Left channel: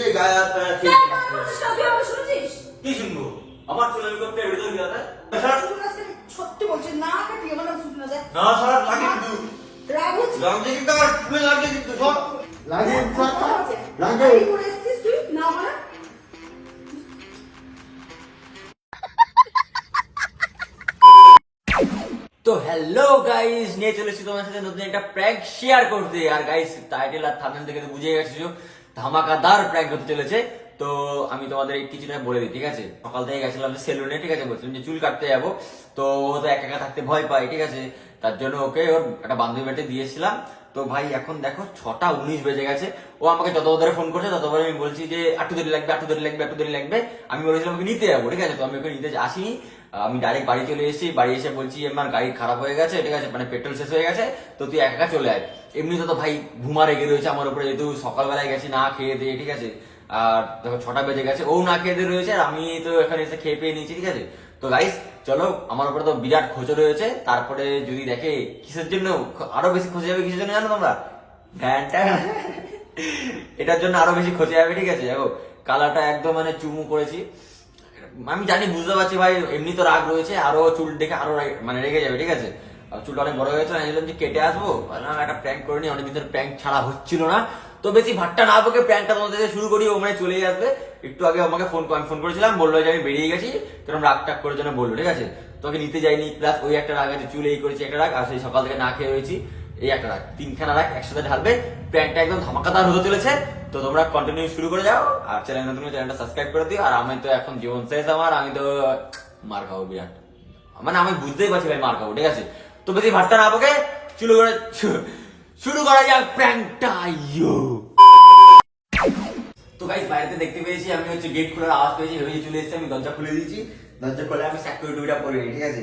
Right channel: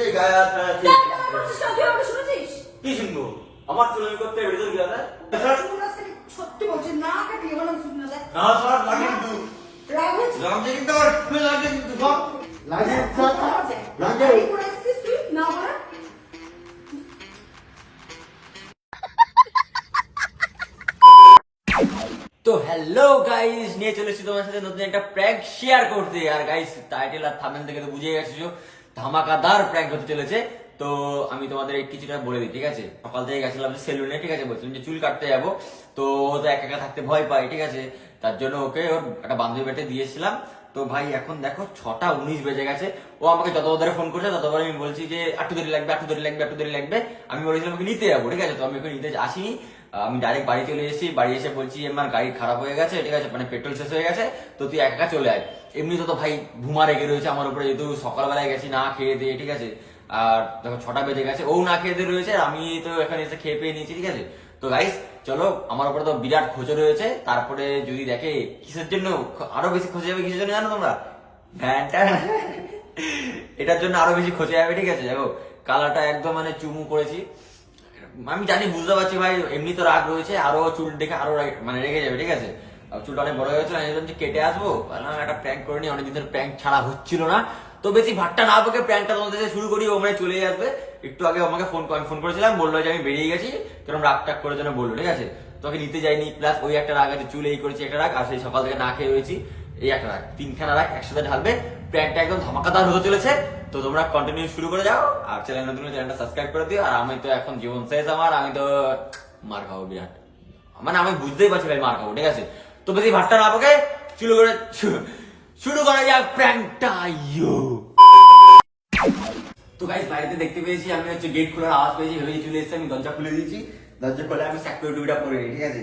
এসে গায়ে হাত পা ঠিক কি শুনবো? আমার চুল আমি করতে বেরিয়ে যাবি দাদা? সত্যি বলছি না কাটিয়ে আমার নাম শুনে যায় না সারা লাগে কিন্তু রাহুল লাগে কিন্তু আমার চুলে লাগে কিন্তু সব লাগে লাগে তুই না বলা তো হ্যালো গাইস, নিয়ে চলে এসেছি তোমার সাথে নতুন একটা প্র্যাঙ্ক শেয়ার করতে। আর গাইস, টাইটেল আর থাম্বনেল থেকে তো বুঝে গেছো ধামাকাদার প্র্যাঙ্ক হতে চলেছে। তো আমি তোমাদের এই কিছুটা বলে দিই, ঠিক আছে? সকাল থেকে গেছিলাম সেলুনে, ঠিক আছে? বলছিলাম যে চুল কাটতে যাবো, তো ও তো একা একা থাকতে ভয় পায়, ঠিক আছে? তার জন্য ওকে ওর একটা বান্ধবী বেটে দিয়েছিলাম। তো ভাই এখন দেখো 6:19 বেজে গেছে, ও আমাকে যত ধরে ফোন করছে ততবার আমি বলছি যে একটু দেরি লাগবে, একটু দেরি লাগবে, একটু দেরি লাগবে। আমি বলেছিলাম ওকে নিতে যাবো, ঠিক আছে? তো আমি ওকে নিতে আসিনি, আমি ডাইরেক্ট বাড়ি চলে এসেছি। বাড়ি এসে বলছি আমার গাড়ি খারাপ হয়ে গেছে, ঠিক আছে? মানে পেট্রোল শেষ হয়ে গেছে, তো তুই একা চলে আয়। এমনিতে তো ভাই ঘুমা রেগে রয়েছে আমার উপরে, যেহেতু সকালবেলায় গেছি না খেয়ে দিয়ে, ঠিক আছে? আর দেখো 6টা বেজে গেছে, ও না খেয়ে দিয়ে রয়েছে, আমি তো এখানে এসে খেয়ে পেয়ে নিয়েছি, ঠিক আছে? তো গাইস চলো, আমার উপরে তো বিরাট খোঁজো রয়েছে। তারপরে যদি দেখে কিসের জন্য আরো বেশি খোঁজে যাবে, কিসের জন্য জানো তোমরা? ভ্যানটা এটার জন্য আরো বেশি খোঁজে যাবে, ঠিক আছে? দেখো কালারটা একদম মানে চুমু করেছি, আমি জানি, বুঝতে পারছি ভাই এমনি তো রাগ রয়েছে, আরো চুল দেখে আরো মানে রেগে যাবে, ঠিক আছে? আর চুলটা অনেক বড় হয়ে গেছে, আমি বললাম যে কেটে আসবো, বললাম একটা প্র্যাঙ্ক করে নি, অনেকদিন ধরে প্র্যাঙ্ক ছাড়া হচ্ছিল না। তো বেশি ভাট্টা না বকে প্র্যাঙ্কটা তোমাদের থেকে শুরু করি, ও মানে চলেই আসবে। একটু আগে আমাকে আমি ফোন করেছিলাম, বললো যে আমি বেরিয়ে গেছি, কারণ রাগ টাগ করে জন্য বললো, ঠিক আছে? তোকে নিতে যাইনি, প্লাস ওই একটা রাগ আছে, চুল এই করেছি একটা রাগ, আর সেই সকাল থেকে না খেয়ে রয়েছি এই একটা রাগ, তিনখানা রাগ একসাথে ঢালবে। প্র্যাঙ্কটা একদম ধামাকাদার হতে চলেছে। তো তোমরা কন্টিনিউ শুরু করে যাও, আর চ্যানেল নতুন চ্যানেলটা সাবস্ক্রাইব করে দিও। আর আমি তো এখন জীবন শেষ আমার, আমি তো মার খাবো বিরাট, মানে আমি বুঝতেই পারছি ভাই মার খাবো, ঠিক আছে? তো বেশি ভাট্টা না পাকে শুরু করা যাক প্র্যাঙ্কটা। তো গাইস, বাইরেতে দেখতে পেয়েছি আমি হচ্ছে গেট খোলার আওয়াজ পেয়েছি, ভেবে চলে এসেছি, আমি দরজা খুলে দিয়েছি। দরজা খুলে আমি সিকিউরিটিটা পরে নিই, ঠিক আছে?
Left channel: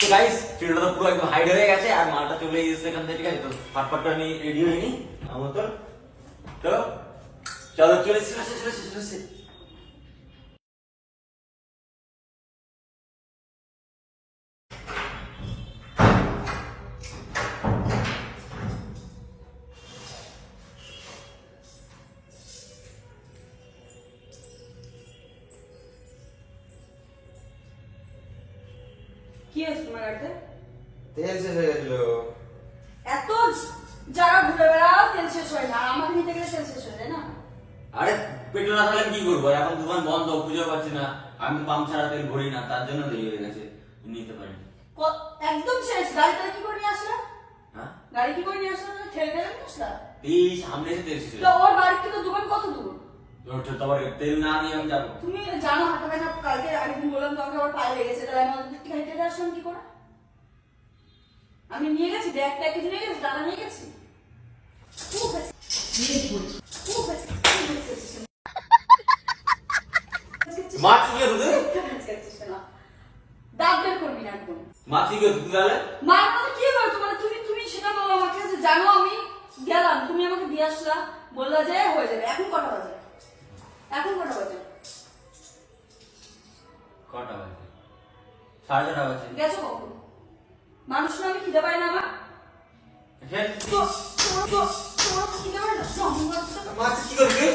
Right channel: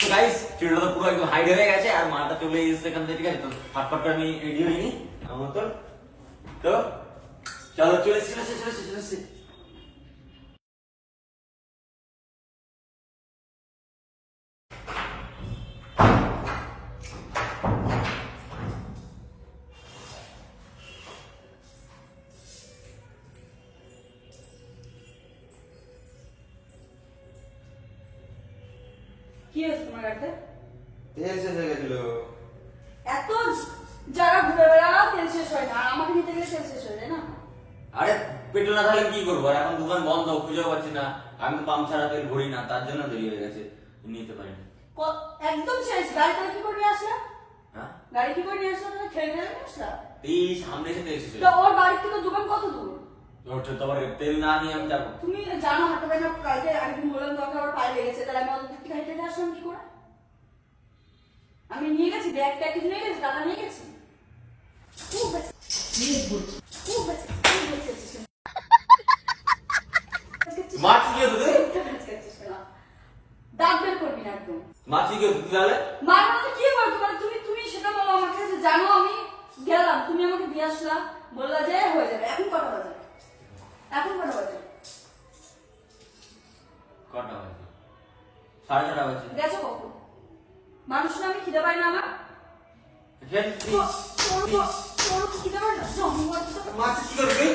তো গাইস, চুলটা তো পুরো একদম হাইড হয়ে গেছে, আর মালটা চলে এসেছে এখান থেকে, ঠিক আছে? তো ফটফট করে আমি রেডি হইনি আমার মতন। তো চলো, চলে এসেছি, চলে এসেছি। কি হয়েছে তোমার গাড়িতে? তেল শেষ হয়ে গেছিল। এত যারা ঘুরে বেড়াও তেল শেষ হয় না, আর আমাকে নিতে গেলে তেল শেষ হয়ে যায় না? আরে পেট্রোল না থাকলে কি করবো, এখন দোকান বন্ধ, খুঁজে পাচ্ছি না। আমি তো পাম্প ছাড়া তেল ভরি না, তার জন্য দেরি হয়ে গেছে, নিতে পারিনি। একদম শেষ। গাড়ি তাহলে কি করে নিয়ে আসলা? হ্যাঁ, গাড়ি কি করে নিয়ে আসলা? ঠেলে ঠেলে নিয়ে আসলা? এই সামনে এসে তেল শেষ হয়ে তো ওর বাড়ি থেকে দোকান কত দূর? গেছে। তোমার তেল না নিয়ে আমি যাবো? তুমি জানো হাঁটা ব্যথা, কালকে আরেকদিন বললাম তোমাকে আমার পায়ে লেগেছে, তাহলে আমি অত দূর থেকে হেঁটে হেঁটে আসলাম কি করে? আমি নিয়ে গেছি, ব্যাগ প্যাকেজ নিয়ে গেছি, টাকা নিয়ে গেছি। খুব হয়েছে, খুব হয়েছে, খুব হয়েছে। মাছ কি হতো? দাঁত বের করবি না একদম। মাছ কি হতো তাহলে? মার মানে কি বলতো, মানে তুমি সেটা বলো আমার কাছে, জানো আমি গেলাম, তুমি আমাকে দিয়ে আসলা, বললা যে হয়ে যাবে। এখন কটা বাজে? এখন কটা বাজে? কটা বাজে? 4:30 বাজে। গেছো কখন? মানুষ না আমি খিদে পাই না আমার? খিদে পাই না? মাছ কি করবি?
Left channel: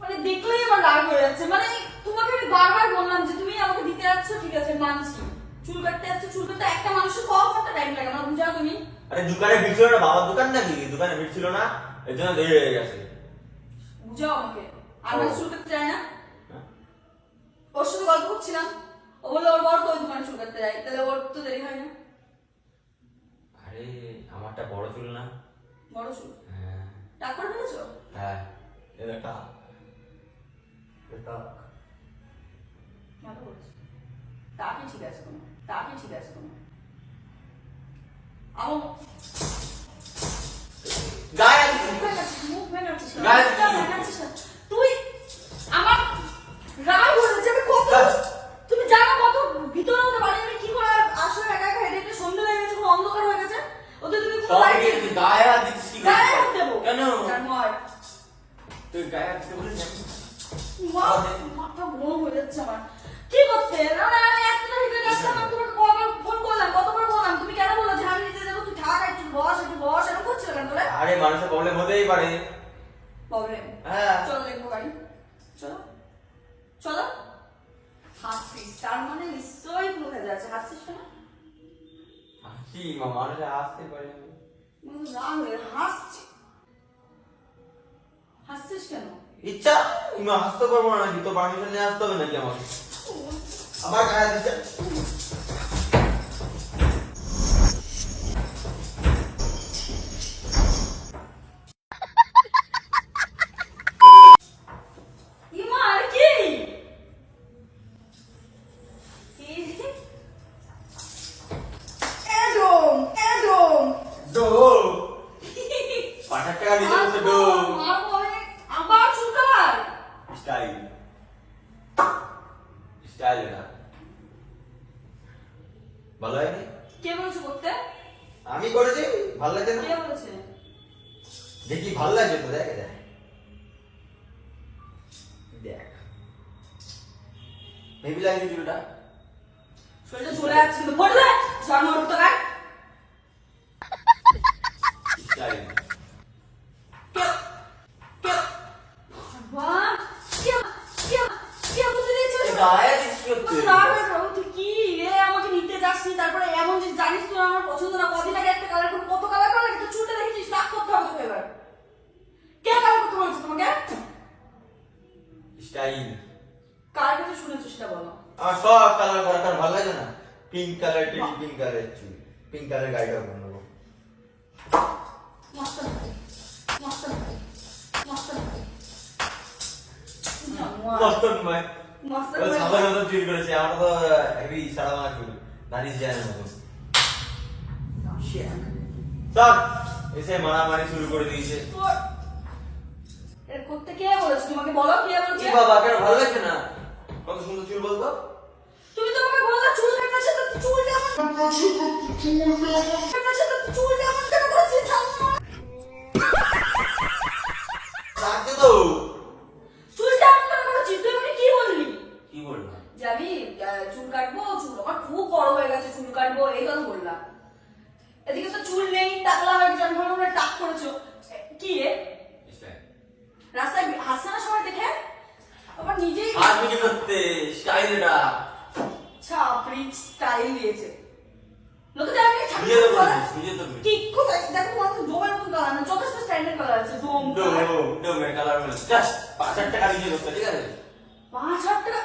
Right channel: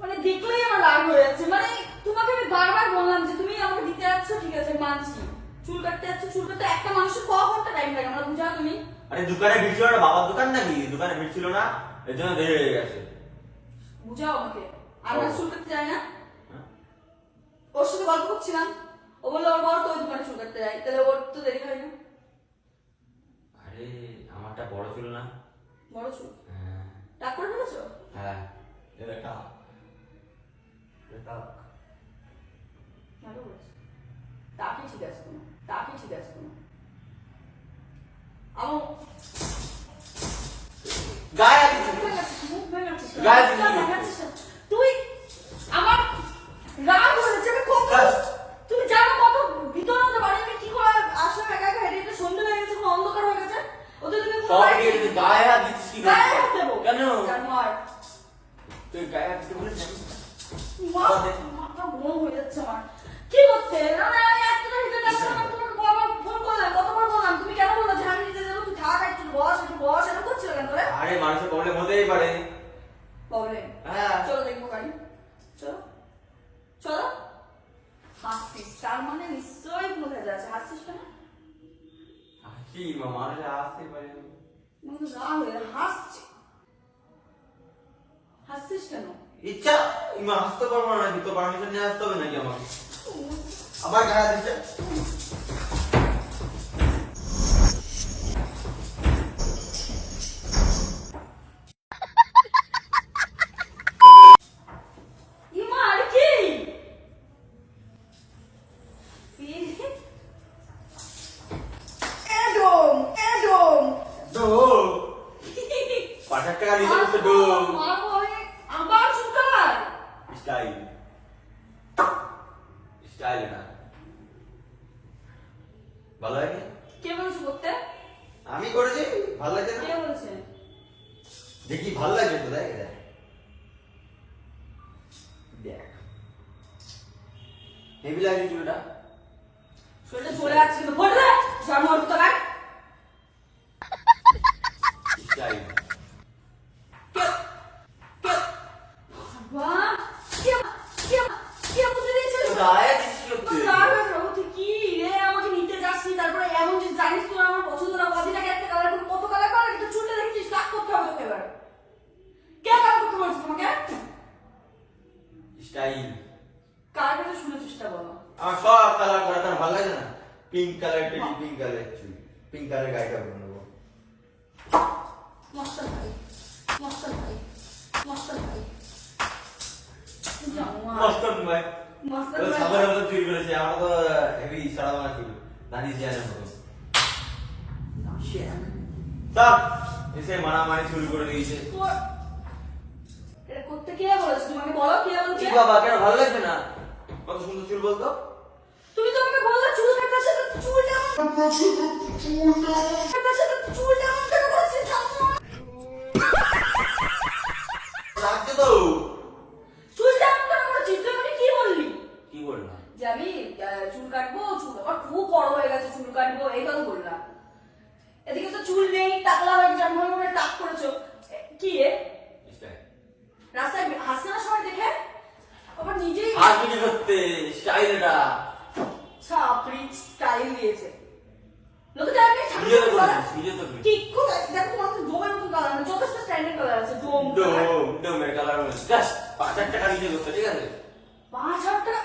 মানে দেখলেই আমার রাগ হয়ে যাচ্ছে। মানে তোমাকে আমি বারবার বললাম যে তুমি আমাকে দিতে যাচ্ছ, ঠিক আছে মানছি, চুল কাটতে যাচ্ছ, চুল কাটতে একটা মানুষের কতটা টাইম লাগে আমার বুঝাও তুমি? আরে দোকানে ভিড় ছিল না, বাবার দোকান নাকি? দোকানে ভিড় ছিল না, এর জন্য দেরি হয়ে গেছে। বুঝাও আমাকে। আমরা চুল কাটতে যাই না? ওর সাথে গল্প করছিলাম, ও বললো ওর বড় তো ওই দোকানে চুল কাটতে যায়, তাহলে ওর তো দেরি হয় না? আরে আমারটা বড় চুল না? বড় চুল? হ্যাঁ টাক করে ফেলেছো? হ্যাঁ, এটা এটা ভালো বলছো। টাকই ঠিক আছে তোমার, টাকই ঠিক আছে তোমার। আমার গায়ে মুখ ভেঙাচ্ছিস, গায়ে তুই আমার রাগ হয়েছে। আমি কত, তুমি জানো কত ভিতরে হতে পারি, আমি কি করে আসলে একা একা হেঁটে হেঁটে সন্ধ্যে হয়ে গেছে, পুরো অন্ধকার হয়ে গেছে, ওদের তুমি সব গিয়ে গায়ে হাত দিচ্ছিস কি করে? গায়ে হাত দেবো কেন? জানো আর তুই গায়ে হাত দিতে বলেছিস? মাথা গরম হয়ে যাচ্ছে আমার। কি করতে? আমি এতটা ভিতরে আসলাম, আমি তোমাকে কতবার ফোন করলাম, কতবার বললাম, তুমি কেন বললো যে আমি আরে মানুষের প্রবলেম হতেই পারে। প্রবলেম হ্যাঁ। চলো দেখবো গাড়ি, চলো চলো। হাসছিস তার মানে নিশ্চয়ই কোনো ভেজা আছে, হাসছিস কেন? হাসি মা, মানুষ হাসতে পারে না। মানে রাগ হয়ে হাসছি, হাসছিস কেন? ইচ্ছা তুমি হাসতে পারবো না নাকি? তো পারমিশন নিয়ে আসতে হবে নাকি আমাকে? আবার গায়ে দিচ্ছে। ইমা আর কি? এডম এডম ডো ৫০০ টাকা দিতে বলছে ডো। আমার চুকার স্টাইল স্টাইল এটা ভালো লাগে। কে বলেছে করতে? আমি করেছি, ভালো লাগছে কে না? বলেছে? দেখি ভালো লাগছে তো, দেখ দেখ দেখ হেভি লাগছে চুলটা। শরীরটা চলে যাচ্ছে কিন্তু বললে জন্ম হতো না। স্টাইল ভগবান কে কে কে বলে দিয়েছে? গায়ে দিচ্ছিস করতে। তুই কি রে আমাকে নিতে যাসনি, তারপরে এমন যে জানিস তুই আমার পছন্দ না, কদিন আগে একটা কালার করে কত কালার কালার কিন্তু চুলটা দেখেছিস, রাগ করতে হবে তোকে এবার। কে কালার করতে বলেছে তোমাকে? স্টাইল কার কাছে শুনে চেষ্টা বলো। আমার সব কালার করা কার ভালো লাগে না। Pink colour, teddy pink colour চুল, পিঙ্ক কালার গাড়িটা বানাবো। মস্ত ভাই মস্ত ভাই মস্ত ভাই মস্তন ভাই মস্ত ও ভাই ছাগলের মতো চুল করেছে, আমার তো হেভি সারা বাংলা চুল, নারিশ জানের মতো। সব এসে মারামারি শুরু করে দিয়েছে। এটা করতে কে বলেছে তোমাকে? বলো কে বলেছে? কি বাবা, কেন ভালো লাগছে না? কত সুন্দর চুল বলতো। তুমি তো আমাকে বললে চুল কাটছে তো চুলটা আমার কাটছে তো চুলটা আমার কেন করছিস? লাগছে তো। চুলটা আমার কেন করেছিস? তুই আমাকে কি বললি? কি বলবো? যে আমি চুল কাটবো, চুল আমার খুব বড় হয়ে গেছে, চুল কাটবো এই কথা বললাম। এদিকে তো চুল নেই, টাকলা হয়ে গেছে, আমি ভাবলাম টাক করেছো। কি রে রাস্তায় হাসছে না সময় দেখে? আবার নিজেই হাত মিটি করতে স্টাইল এটা। ছাপড়ি স্টাইল দিয়েছে। লোকে তো আমাকে ছাপড়ি নিজে তো বলে। করেছিস, নিজে তো করেছিস। কি কোথায় দেখো তোমার তো ডোমের মতো কালার না, যথেষ্ট স্ট্যান্ডার্ড কালার আছে ডোম কালার। ডোমের কালার হয়েছে জাস্ট ৫০০০ টাকা দিতে করতে, ঠিক আছে? ৫,০০০ টাকা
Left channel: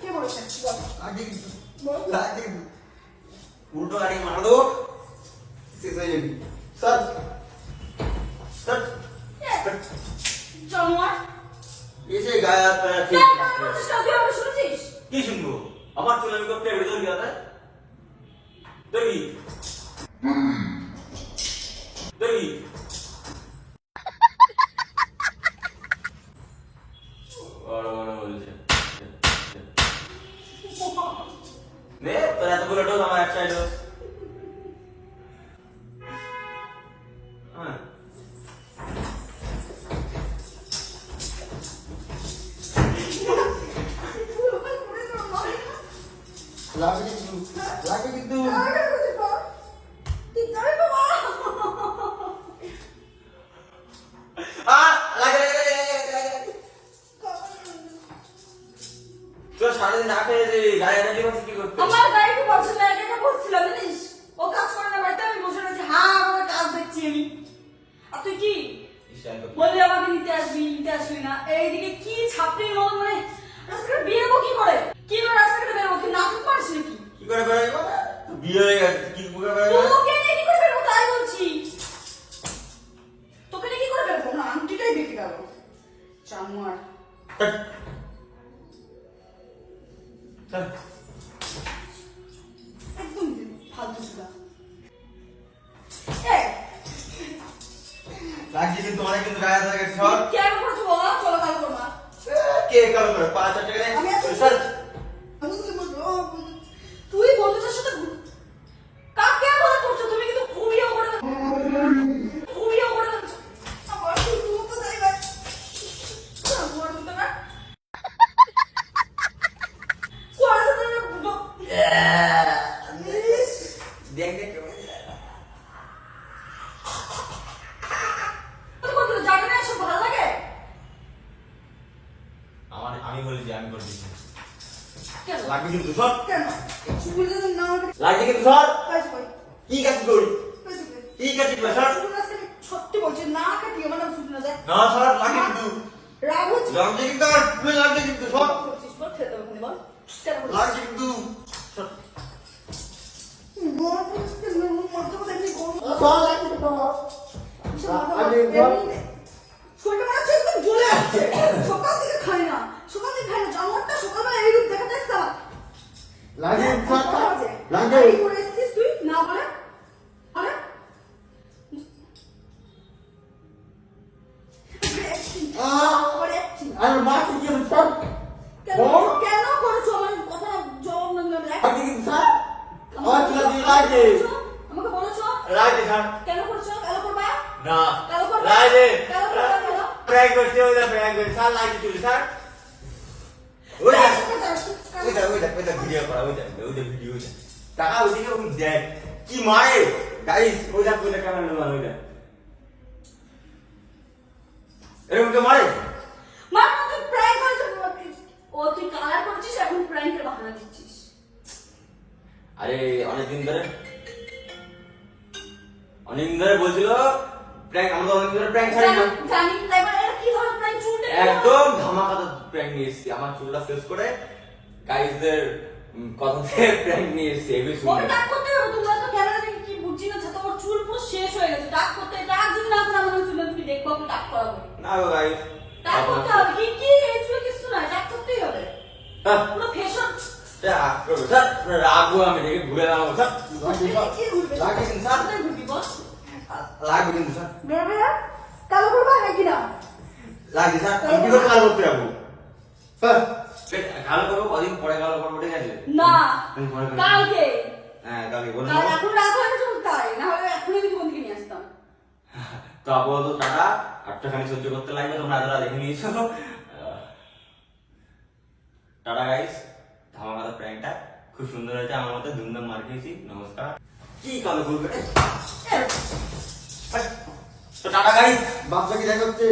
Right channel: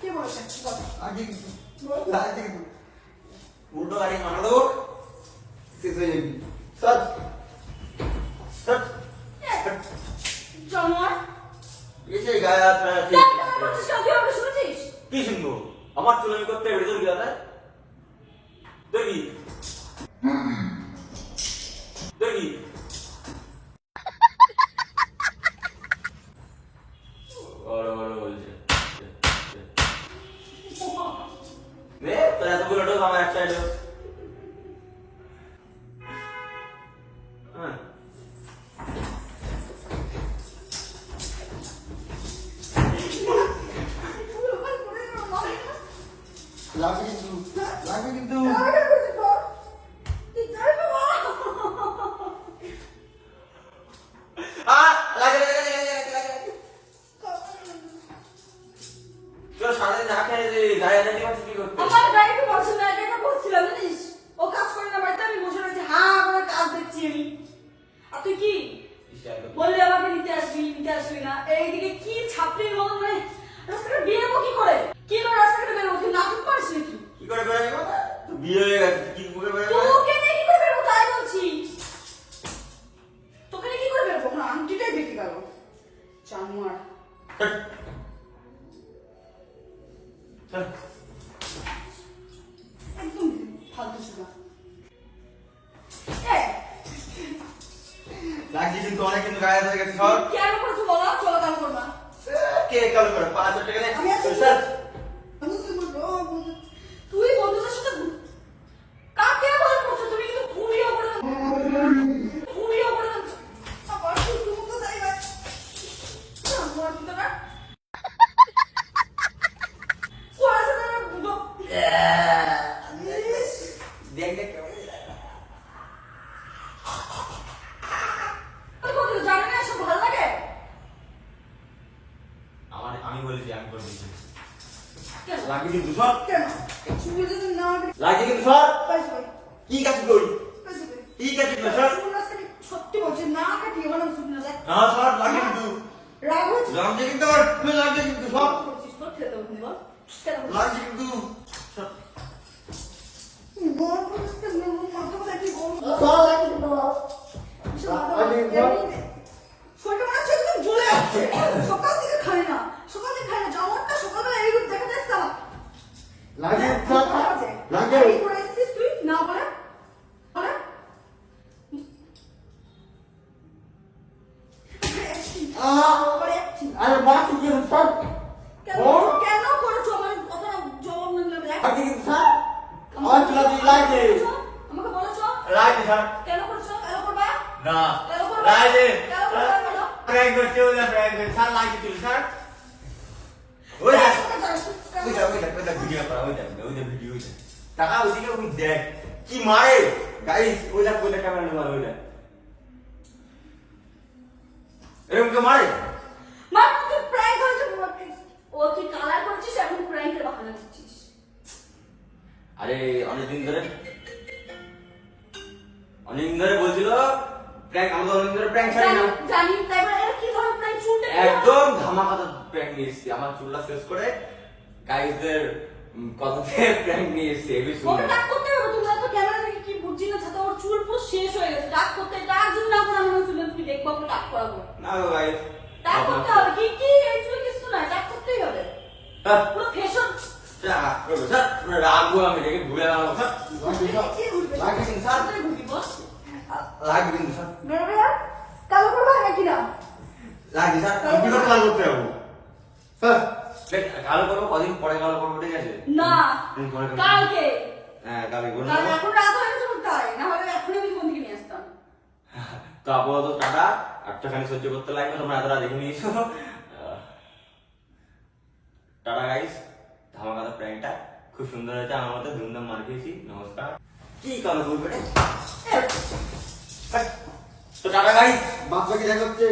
কে বলেছে? বলো। আগে বলো। লাগছে কিন্তু উল্টো গাড়ি মারা দেবো, শেষ হয়ে যাবি। স্যার স্যার জানোয়ার এসে গায়ে হাত টায়া ঠিক কেন কেন বলছিস? তুই আমাকে শুনেছিস? কি শুনবো? আমার চুল আমি করতে এবারে তোর কি দাদা দেখি দেখি বড় বড় বলছে নে তোর এতগুলো ডোজ আমার এক সাইড হ্যাঁ লাগে কিন্তু তোর সারাদিন না খেয়ে গায়ে এনার্জি পাচ্ছিস কি করতে? আমার গাড়ি খুব পছন্দ, এটা বলছিলাম জানিস, ও কাজ করে না বাড়িতে, আমি বসে রয়েছি হা করে কাজ দেখছি আমি। আর তুই কি বললি আমাকে নিতে আসবি না? এইদিকে কি ছাপড়ির মতো মানে রাস্তাঘাটে বেরোবো কি করে? কি করে রাস্তাঘাটে বেরোবো? তুই নাটক পারিস নাকি? কি করে বেরোবো? তো বিয়ে হয়ে গেছে, কি করে বেরোবো? তোকে নিয়ে কি করে বেরোবো তাই বলছি। তোকে নিয়ে কি করে বেরোবো? আমার আংটিটাই বেঁকে গেল জানোয়ার। চল একদম ফালতু ছিল। লাগছে কিন্তু অনেক, কিন্তু গায়ে হয়ে গেছে সব। কেন করছো বলো? চলো কাল করবা। কে কবে করে ৫০০০ টাকা নেই? আমি আছি। স্যার তুই বন্ধুদের সাথে কাকে মজা করছো? তুমি কিন্তু ঘুমিয়েও করে ঘুমিয়েও করে যাচ্ছ। আবার তুই ঘুমোতে যাই ভাই। জানোয়ার কিন্তু না। কোয়ার সাথে লাগবে কিন্তু সব কেন চুল যদি না আমাকে লাগছে কিন্তু সব পয়সা কই কি কাজ করি পয়সা কই কি কাজ করি সব চুল আজকে সত্যি বলছি না কাটি আমার নাম শুনে না দেখ না সব লাগে কিন্তু রাগ হচ্ছে লাগছে কিন্তু আর ফুল লাগছে কিন্তু সব করছিস বল খেতে হবে বল কেন বলছিস? লাগছে কিন্তু সব বল করছিস কেন? মরতে বলে তুই বল। বল একটু বল। শরীরটা মনে হচ্ছে একদম জ্বলে যাচ্ছে। সকাল থেকে খাই না জামাটা সকালবেলা এই রূপ দেখাতে এসছে আমার। লাগে হ্যাঁ, স্যার, কথা বলছে। লাগে। এই করে এসেছিস তুই না বলে বলে আবার acting। আরে মাছ কি স্যার? কেন বল। কেন করেছো আমার কথা না জবাব না দিলাম দেখ লাগে কিন্তু স্যার। মাছ লাগে লাগে। আমাকে বলেছো লাগছে সব কেন করেছো কেন করবা না কেন করবা লাগছে কেন করবা বলো? প্র্যাঙ্ক করছে ওটা প্র্যাঙ্ক করছে স্যার লাগছে তুই স্যার ওইটা ভিডিও করা ওইটা ভিডিও টাকা ওইদিকে ওই দেখ কি মারে গাইস ওইটা ক্যামেরা নিয়ে ওইটা এরকম তো মারে মা তুই প্র্যাঙ্ক করেছিস ও তুই কালার করেছিস এখন প্র্যাঙ্কের বাহানা দিচ্ছিস আরে অনেকদিন ধরে বলছিল প্র্যাঙ্ক, আমরা তো অনেকদিন ধরে প্র্যাঙ্ক ছাড়ি না। জানি তাই মানে এটা কি ধরনের প্র্যাঙ্ক চুলটা একদম ধামাকাতে প্র্যাঙ্ক নিয়ে এসেছি, আমার চুলটা শেষ করে গাইসদের কথাতে প্র্যাঙ্ক নিয়ে এসেছি। এই ওকে শুনবে ডাক করতে হবে তোমরা তো ক্যামেরা দেখে কি বুঝছি না ছাতা ওর চুল পুরো শেষ হয়ে গেছে ডাক করতে ডাক যদি না করে আমরা তুমি দেখবো ওকে ডাক করাবো না গো গাইস, ডাক করতে হবে কি কি এই চুলে কিছু না ডাক করতেই হবে পুরো ফ্যাশন রাখবো আমি দেখে ঘুরে দাঁড়াবো স্যার। কি ঘুরবে লাগে কিন্তু স্যার। কোথায় ঘুরবি বস লাগবে কিন্তু স্যার, বেরোবে না কালো করবা নাকি না লাগবে স্যার। আমি কি করে কালো করতে যাবো স্যার? কালো করবো কদিন পরে কালো করবো, ঠিক আছে? না পরে করবো। কালকে হ্যাঁ কালকে করে কাল নেবো। এখন রাত হয়ে গেছে তাই না হলে এখনই আমি তোমার দিকে নিয়ে আসতাম তো আপাতত টাটা, একটুখানি সহ্য করতে লাগবে, তোমরা এতটা দেখে নিয়েছো। টাটা গাইস, ধামাকাদার প্র্যাঙ্কটা খুব সুন্দর হয়েছে, আমার মতে ধুমধাম মার খেয়েছি। নমস্কার। কি কালো করবে? তো টাটা গাইস। বাচ্চা কি দেখাচ্ছে?